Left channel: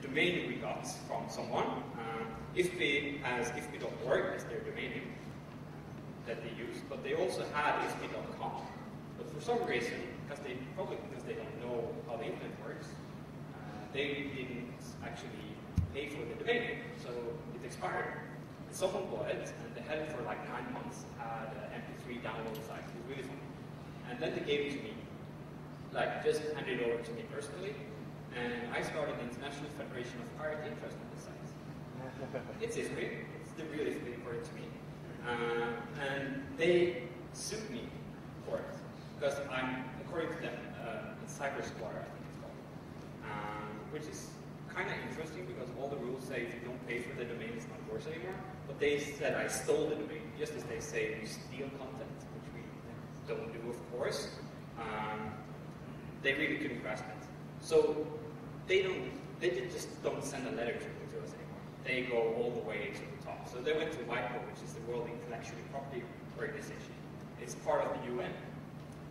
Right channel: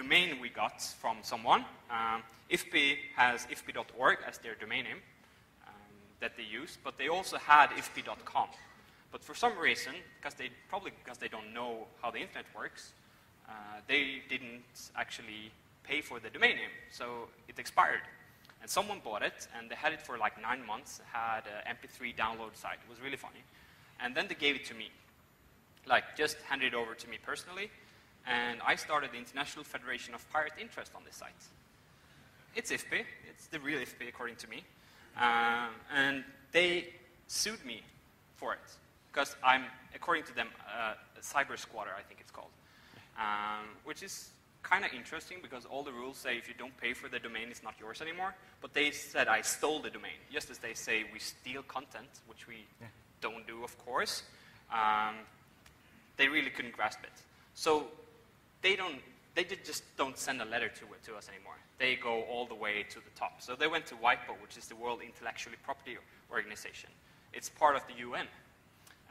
domain we got from someone. IFPI has ifpi.org as their domain name that they use, but they also had ifpi.com. But for some reason, probably because they don't know how the internet works, they didn't actually pay for the domain name, so it expired. And someone bought it, and they had it for like 9 months, had an MP3 download site. It was really funny. And then they gave it to me, like just handed it over to me personally, and I started the International Federation of Pirate Interest on this site. It's IFPI, it's the real IFPI according to me. And they sued me for it, because I'm, according to them, a cyber squatter, I think it's called. Which is kind of interesting, because all the rules say if you don't pay for the domain, it's not yours anymore. But they said I stole the domain, just as they say we steal content, which we don't do, of course. They really couldn't grasp it. So they just don't send a letter to us anymore. They go all the way to the top. So they went to WIPO, which is the World Intellectual Property Organization. It's part of the UN.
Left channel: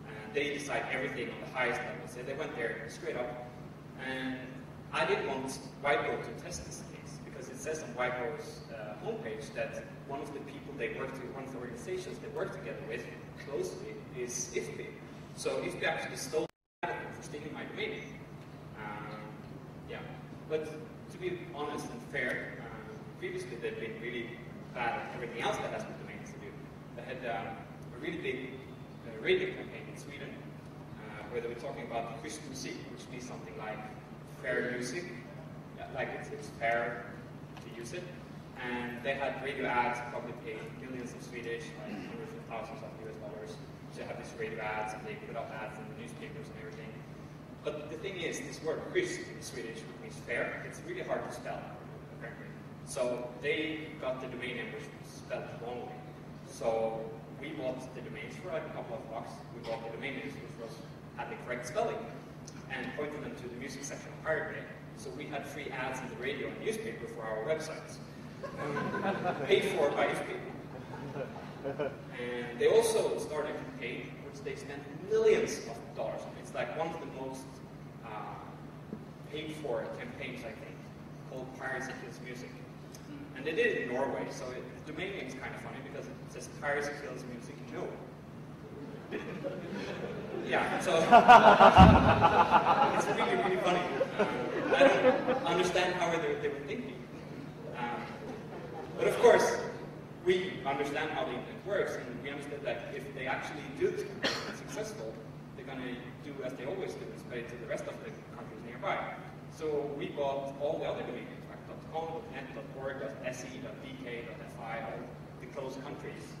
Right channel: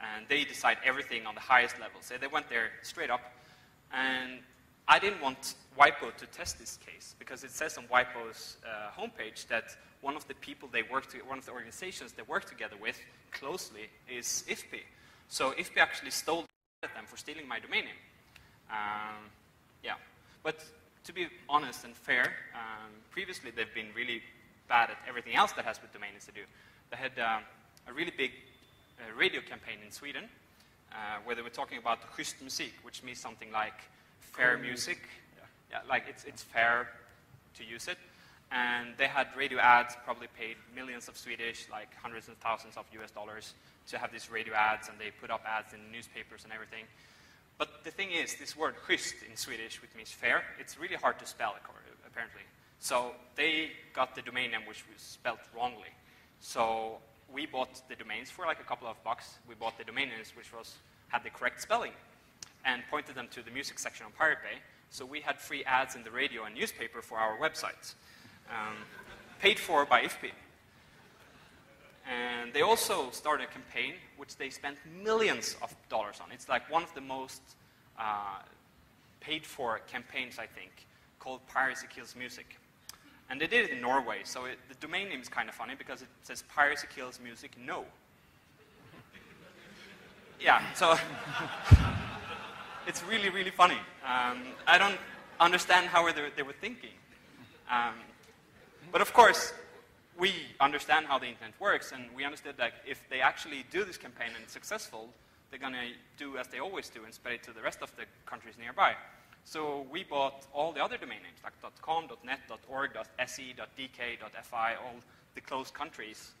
And they decide everything on the highest level. So they went there straight up. And I didn't want WIPO to test this case, because it says on WIPO's homepage that one of the people one of the organizations they work together with closely is IFPI. So IFPI actually stole that for stealing my domain name. Yeah, but to be honest and fair, previously they've been really bad at everything else that has with domains to do. They had a really big radio campaign in Sweden where they were talking about schysst musik, which means something like fair music, yeah, like it's fair to use it. And they had radio ads, probably paid millions of Swedish, like hundreds of thousands of US dollars to have these radio ads, and they put up ads in the newspapers and everything. But the thing is, this word schysst in Swedish, which means fair, it's really hard to spell, apparently. So they got the domain name, which was spelled wrongly. So we bought the domains for like a couple of bucks. We bought the domain names, which had the correct spelling, and pointed them to the music section of Pirate Bay. So we had free ads in the radio and newspaper for our websites, paid for by IFPI. And they also started a campaign which they spent millions of dollars on. It's like one of the most paid for campaigns, I think, called Piracy Kills Music. And they did it in Norway, so the domain name is kind of funny because it says Piracy Kills Music No. Yeah, so it's really, really funny. I don't understand how they were thinking. But of course, we understand how the internet works, and we understand that if they actually do this campaign and it's successful, they're going to do as they always do and spread it to the rest of the countries nearby. So we bought all the other domain names, like .com, .net, .org, .se, .dk, .fi, all the closed countries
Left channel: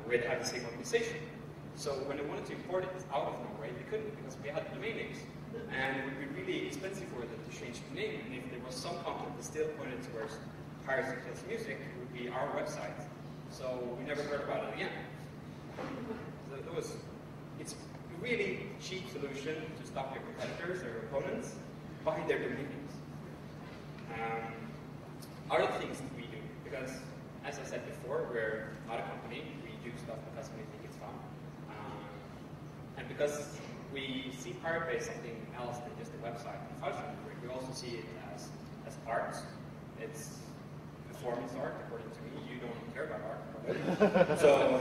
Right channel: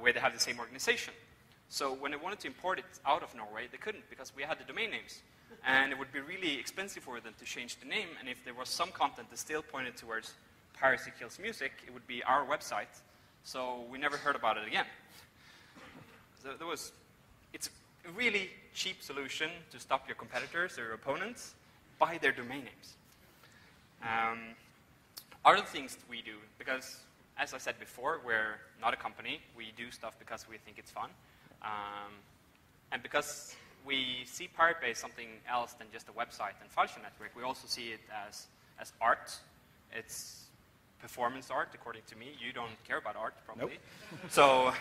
where they had the same organization. So when they wanted to import it out of Norway, they couldn't because we had the domain names. And it would be really expensive for them to change the name. And if there was some content that still pointed towards Piracy Kills Music, it would be our website. So we never heard about it again. So it's a really cheap solution to stop your competitors or opponents by their domain names. Other things that we do, because as I said before, we're not a company. We do stuff because we think it's fun. And because we see Pirate Bay as something else than just a website and file network, we also see it as art. It's performance art, according to me. You don't care about art, probably. So,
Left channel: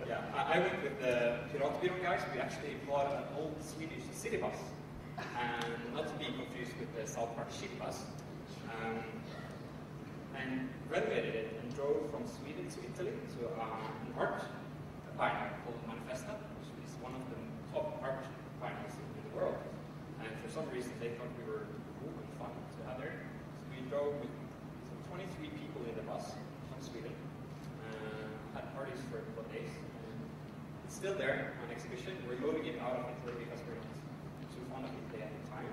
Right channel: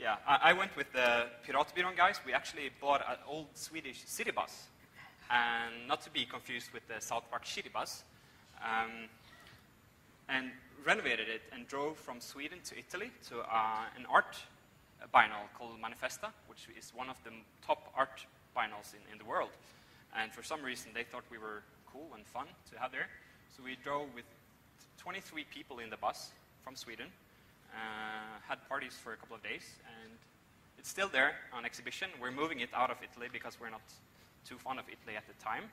yeah, I went with the Piratbyrån guys. We actually bought an old Swedish city bus, and not to be confused with the South Park ship bus, and renovated it and drove from Sweden to Italy to an art vinyl called Manifesta, which is one of the top art vinyls in the world. And for some reason, they thought we were cool and fun to have there. So we drove with 23 people in the bus from Sweden, had parties for a couple of days, and it's still there on exhibition. We're moving it out of Italy because we're not too fond of Italy at the time,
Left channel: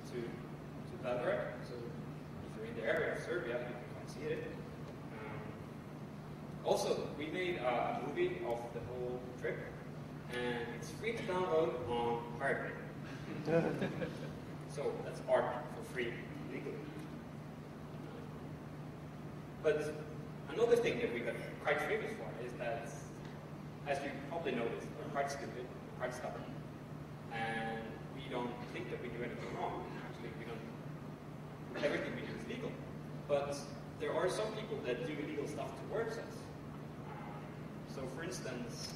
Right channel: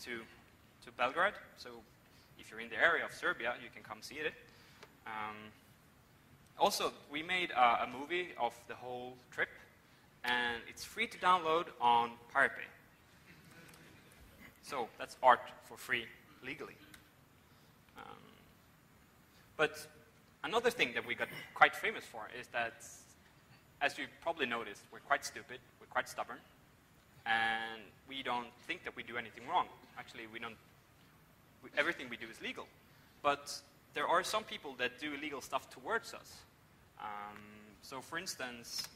to Belgrade. So if you're in the area of Serbia, you can come see it. Also, we made a movie of the whole trip, and it's free to download on Pirate Bay. So that's art for free, legally. But another thing that we got quite famous for is that, as you probably noticed, we're quite stupid, we're quite stubborn, and we don't think that we do anything wrong. Actually, we don't everything we do is legal. But there are some people that do illegal stuff towards us. So for instance,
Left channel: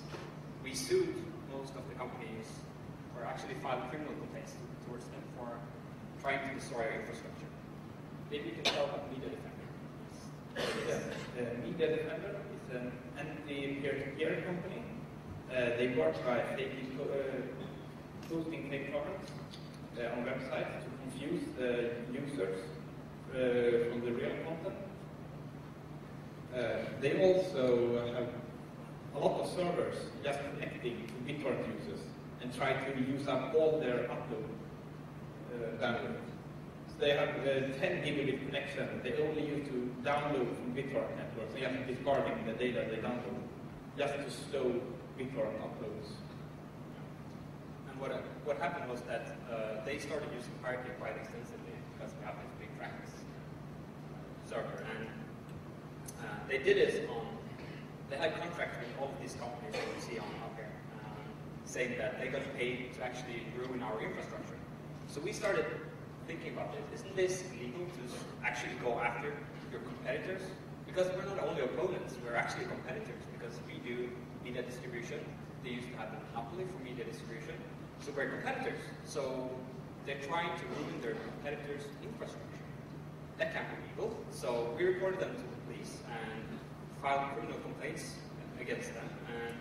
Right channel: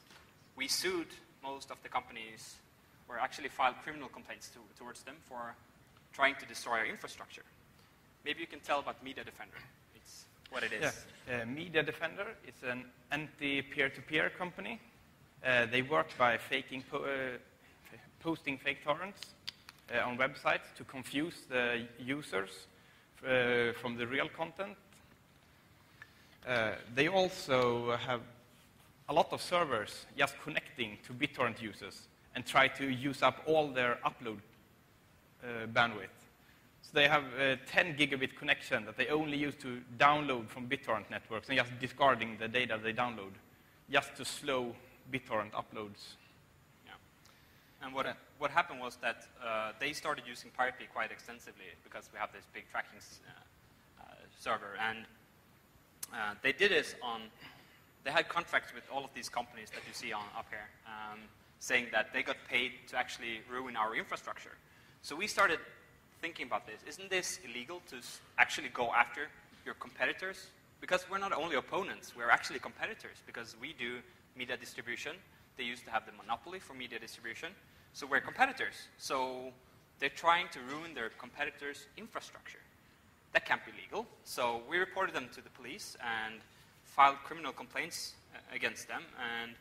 we sued most of the companies, or actually filed criminal complaints towards them for trying to destroy our infrastructure. Maybe you can tell what Media Defender is, what it is. Yes. Media Defender is an anti-peer-to-peer company. They work by posting fake torrents on websites to confuse users from the real content. They also have a lot of servers just connecting to BitTorrent users and try to use up all their upload bandwidth. So they have 10 gigabit connection that they only use to download from BitTorrent networks and just discarding the data they download, just to slow BitTorrent uploads. Yeah. And what happened was that they started using Pirate Bay quite extensively because we have this big practice server, and they did this on. They had contracts with all of these companies that you see on up here, saying that they got paid to actually ruin our infrastructure. So we started thinking about this. Isn't this illegal to actually go after your competitors? Because we're not only opponents, we're actually competitors, because we do media distribution. They used to have the monopoly for media distribution. So we're competitors. So they're trying to ruin their competitors' infrastructure. That can't be legal. So we reported them to the police and filed criminal complaints against them. And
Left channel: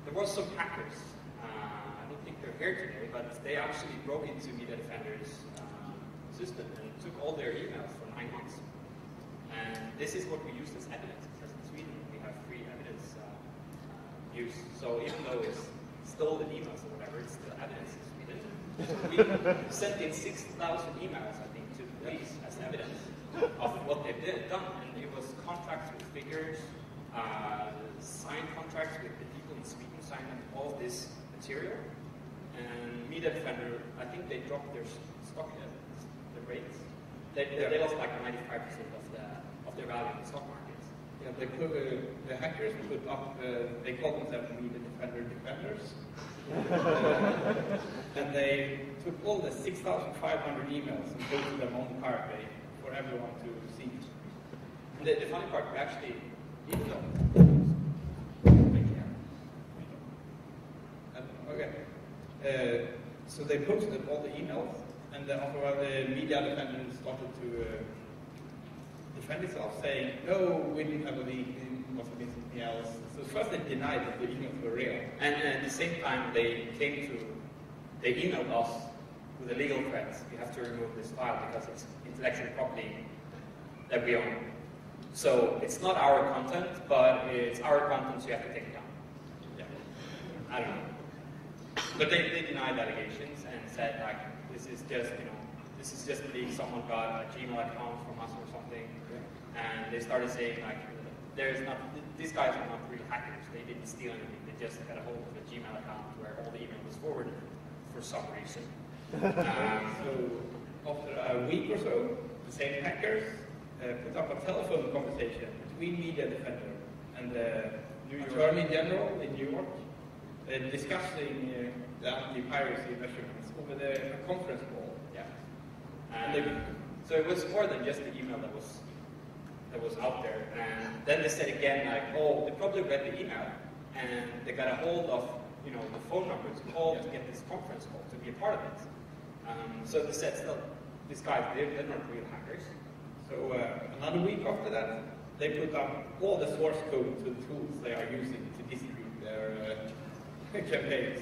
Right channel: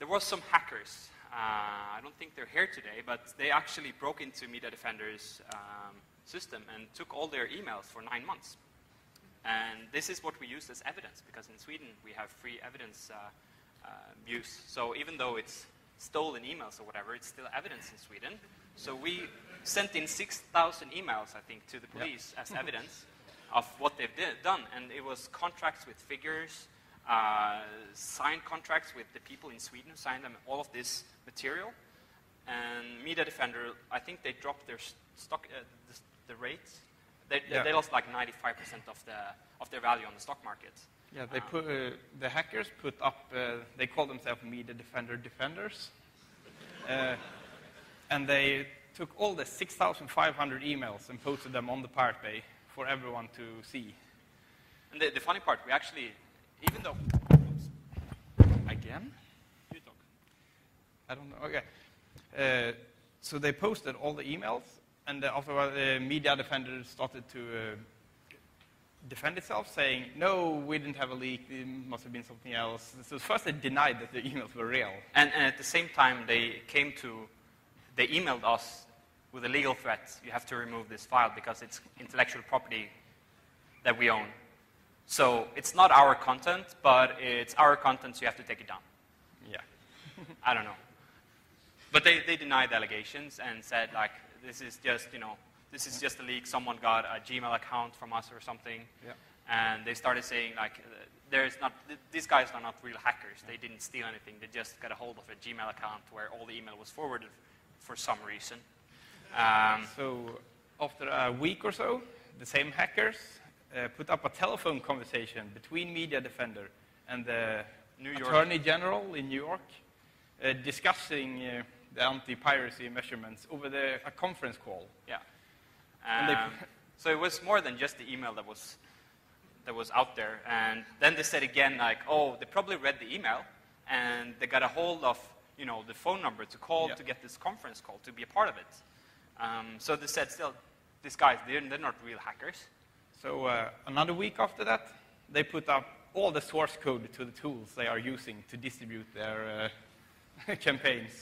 there was some hackers. I don't think they're here today, but they actually broke into Media Defender's system and took all their emails for 9 months. And this is what we use as evidence, because in Sweden we have free evidence use. So even though it's stolen emails or whatever, it's still evidence in Sweden. So we sent in 6,000 emails, I think, to the police as evidence of what they've done. And it was contracts with figures, signed contracts with the people in Sweden who signed them, all of this material. And Media Defender, I think they dropped their stock, the rates. They lost like 95% of their value on the stock market. Yeah, they put the hackers put up. They call themselves Media Defender Defenders, and they took all the 6,500 emails and posted them on the Pirate Bay for everyone to see. And the funny part, we actually, even though so they posted all the emails, and afterward the Media Defender started to defend itself, saying, no, we didn't have a leak, it must have been something else. So first they denied that the emails were real. And at the same time, they emailed us with a legal threat. You have to remove this file because it's intellectual property that we own. So it's not our content, but it's our content, so you have to take it down. Yeah. I don't know. But they denied the allegations and said, like, this is just a leak. Someone got a Gmail account from us or something. Yeah. And they started saying, like, these guys are not real hackers. They didn't steal anything. They just got a hold of a Gmail account where all the email was forwarded for some reason. So after a week or so, the same hackers put up a telephone conversation between Media Defender and the Attorney General in New York, discussing the anti-piracy measurements over a conference call. Yeah. So it was more than just the email that was out there. And then they said again, like, oh, they probably read the email and they got a hold of, the phone number to call to get this conference call to be a part of it. So they said, still, these guys, they're not real hackers. So another week after that, they put up all the source code to the tools they are using to distribute their campaigns.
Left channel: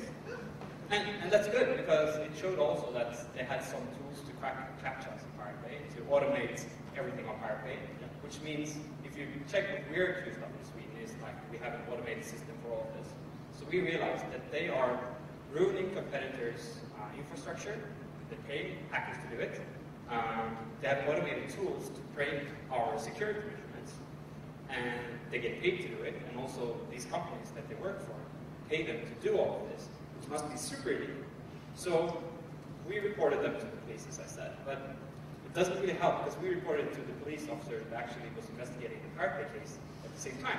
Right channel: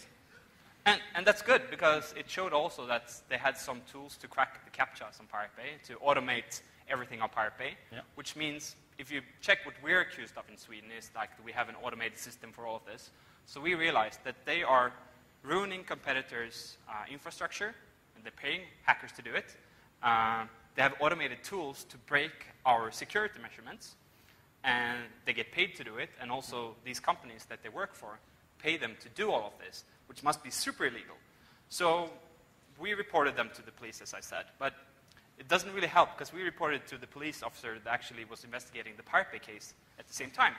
And that's good, because it showed also that they had some tools to crack the CAPTCHAs in Pirate Bay, to automate everything on Pirate Bay, which means if you check what we're accused of in Sweden is like we have an automated system for all of this. So we realized that they are ruining competitors' infrastructure, and they pay hackers to do it. They have automated tools to break our security measurements, and they get paid to do it, and also these companies that they work for pay them to do all of this, which must be super illegal. So we reported them to the police, as I said, but it doesn't really help, because we reported it to the police officer that actually was investigating the Pirate Bay case at the same time.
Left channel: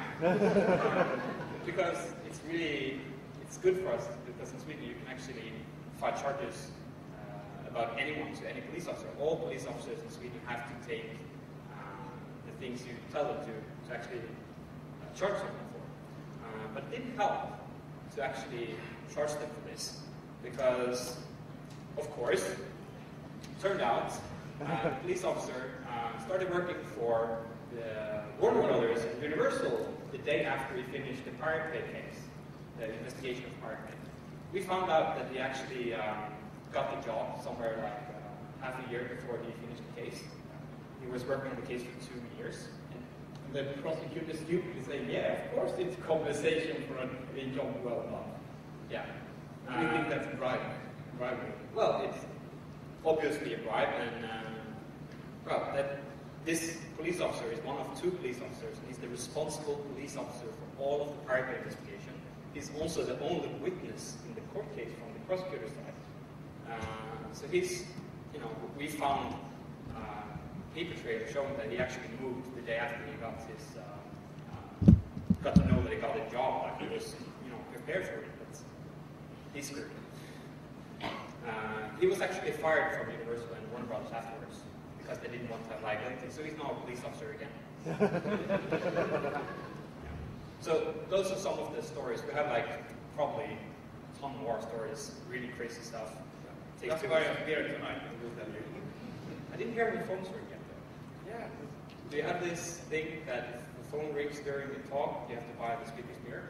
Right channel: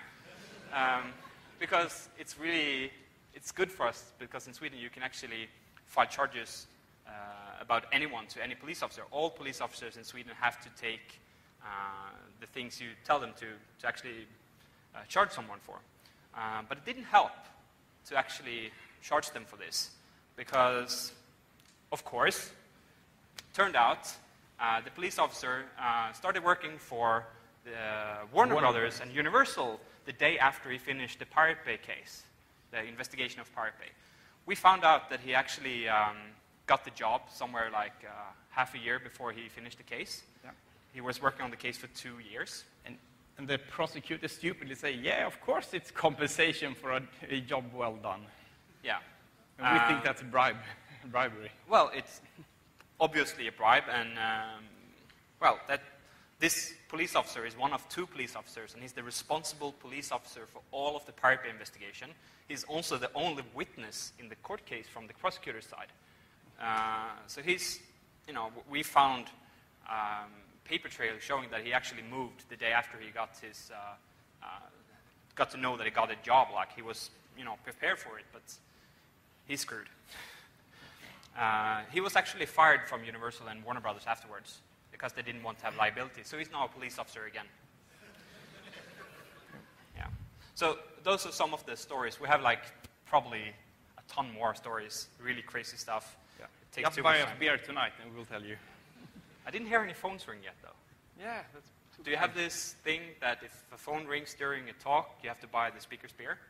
Because it's good for us, because in Sweden you can actually file charges about anyone to any police officer. All police officers in Sweden have to take the things you tell them to actually charge someone for. But it didn't help to actually charge them for this, because, of course, it turned out the police officer started working for Warner Brothers and Universal the day after he finished the Pirate Bay case, the investigation of Pirate Bay. We found out that he actually got the job somewhere like half a year before he finished the case. He was working on the case for 2 years. And the prosecutor stupidly say, yeah, of course it's compensation for a job well done. Yeah. And we think that's bribery. Well, it's obviously a bribe, and this police officer is one of 2 police officers, and he's the responsible police officer for all of the Pirate Bay investigation. He's also the only witness in the court case from the prosecutor's side. So he's, we found paper trail showing that he actually moved the day after he got his, got to know that he got a job, like he was, prepared for it, but he's screwed. He was actually fired from Universal and Warner Brothers afterwards because they didn't want to have liability, so he's now a police officer again. Yeah. So those are some of the stories. We have probably a ton more stories, really crazy stuff. Yeah. Just buy a beer tonight, I will tell you. I didn't hear any phones ring yet, though. Yeah. Do you have this thing that if a phone rings during a talk, you have to buy the speaker's beer?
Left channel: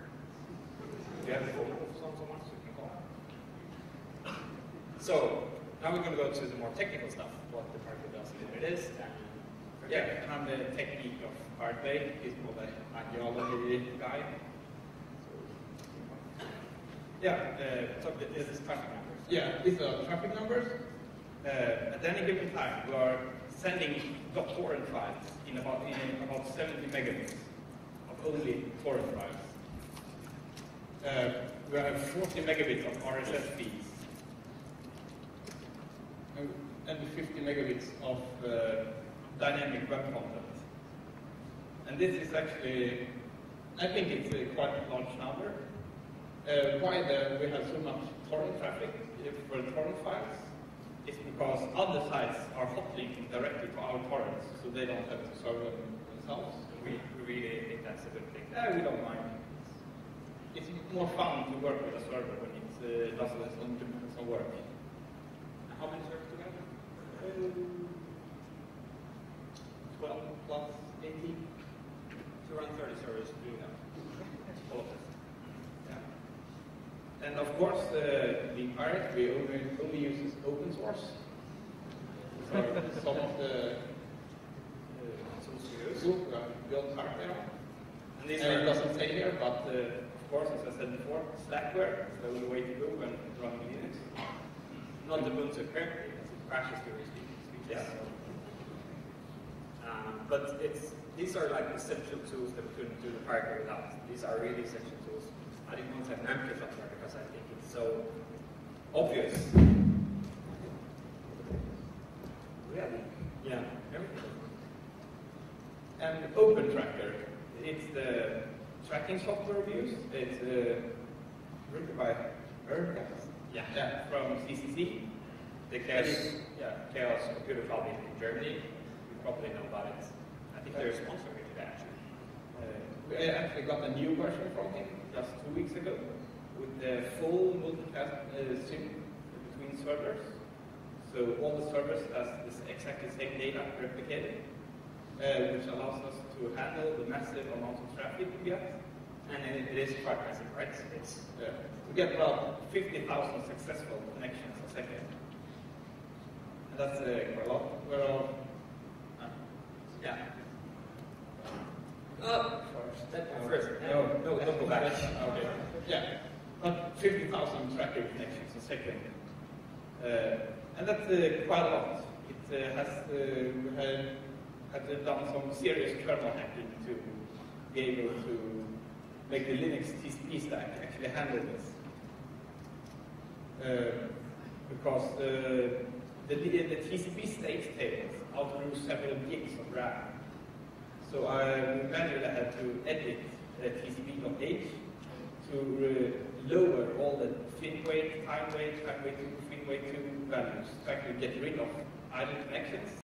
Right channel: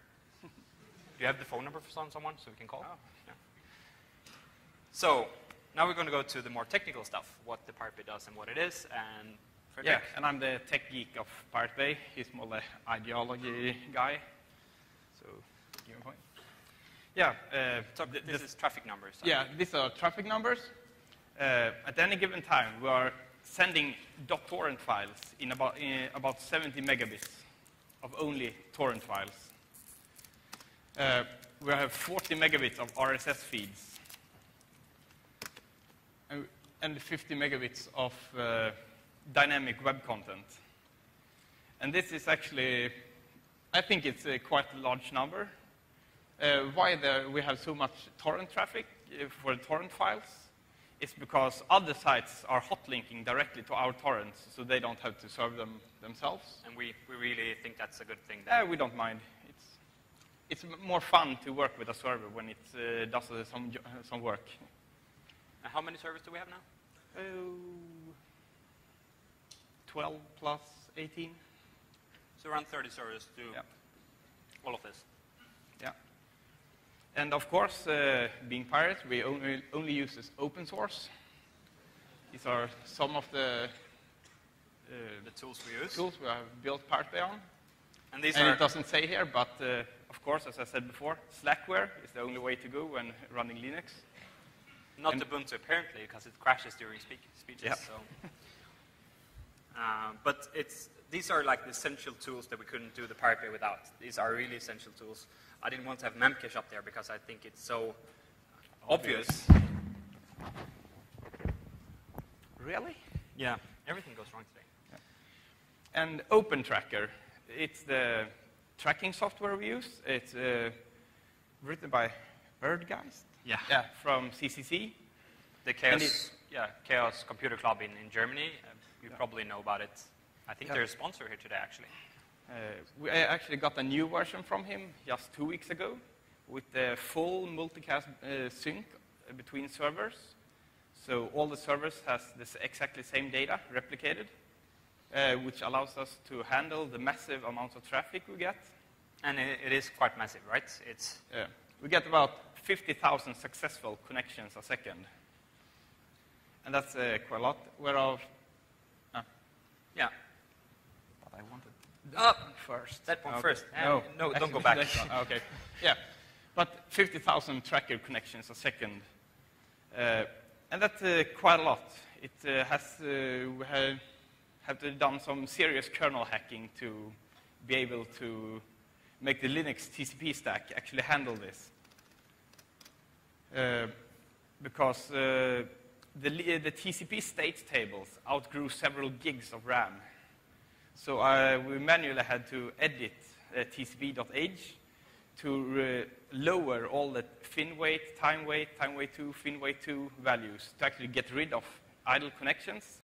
Do you have the phone number for someone so we can call out? So now we're going to go to the more technical stuff, what the Pirate Bay does and what it is. And I'm the tech geek of Pirate Bay. He's more the ideology guy. So this is traffic numbers. Yeah, these are traffic numbers. At any given time, we are sending .torrent files in about 70 megabits of only torrent files. We have 40 megabits of RSS feeds and 50 megabits of dynamic web content. And this is actually, I think it's a quite large number. Why we have so much torrent traffic for the torrent files is because other sites are hot linking directly to our torrents, so they don't have to serve them themselves. And we really think that's a good thing. We don't mind. It's more fun to work with a server when it does some work. And how many servers do we have now? 12 plus 18. So around 30 servers do all of this. Yeah. And of course, being pirates, we only use open source. These are some of the tools we use. Tools we have built Pirate Bay on. And these it doesn't say here, but of course, as I said before, Slackware is the only way to go when running Linux. Not Ubuntu apparently, because it crashes during speeches. Yeah. So. But these are essential tools that we couldn't do the Pirate Bay without. These are really essential tools. I didn't want to have Memcache up there because I think it's so obvious. Really? Yeah, everything goes wrong. And OpenTracker, it's the tracking software we use. It's written by guys. Yeah. From CCC. The Chaos Computer Club in Germany. You probably know about it. I think they're a sponsor here today, actually. We actually got a new version from him just 2 weeks ago with the full multicast sync between servers. So all the servers has exactly the same data replicated, which allows us to handle the massive amount of traffic we get. And it is quite massive, right? We get about 50,000 successful connections a second. And that's quite a lot. Whereof, first. That one first. No, don't go back. Okay. Yeah. But 50,000 tracker connections a second. And that's quite a lot. It we have done some serious kernel hacking to be able to make the Linux TCP stack actually handle this. Because the TCP state tables outgrew several gigs of RAM. So we manually had to edit TCP.h to lower all the fin weight, time weight 2, fin weight 2 values to actually get rid of idle connections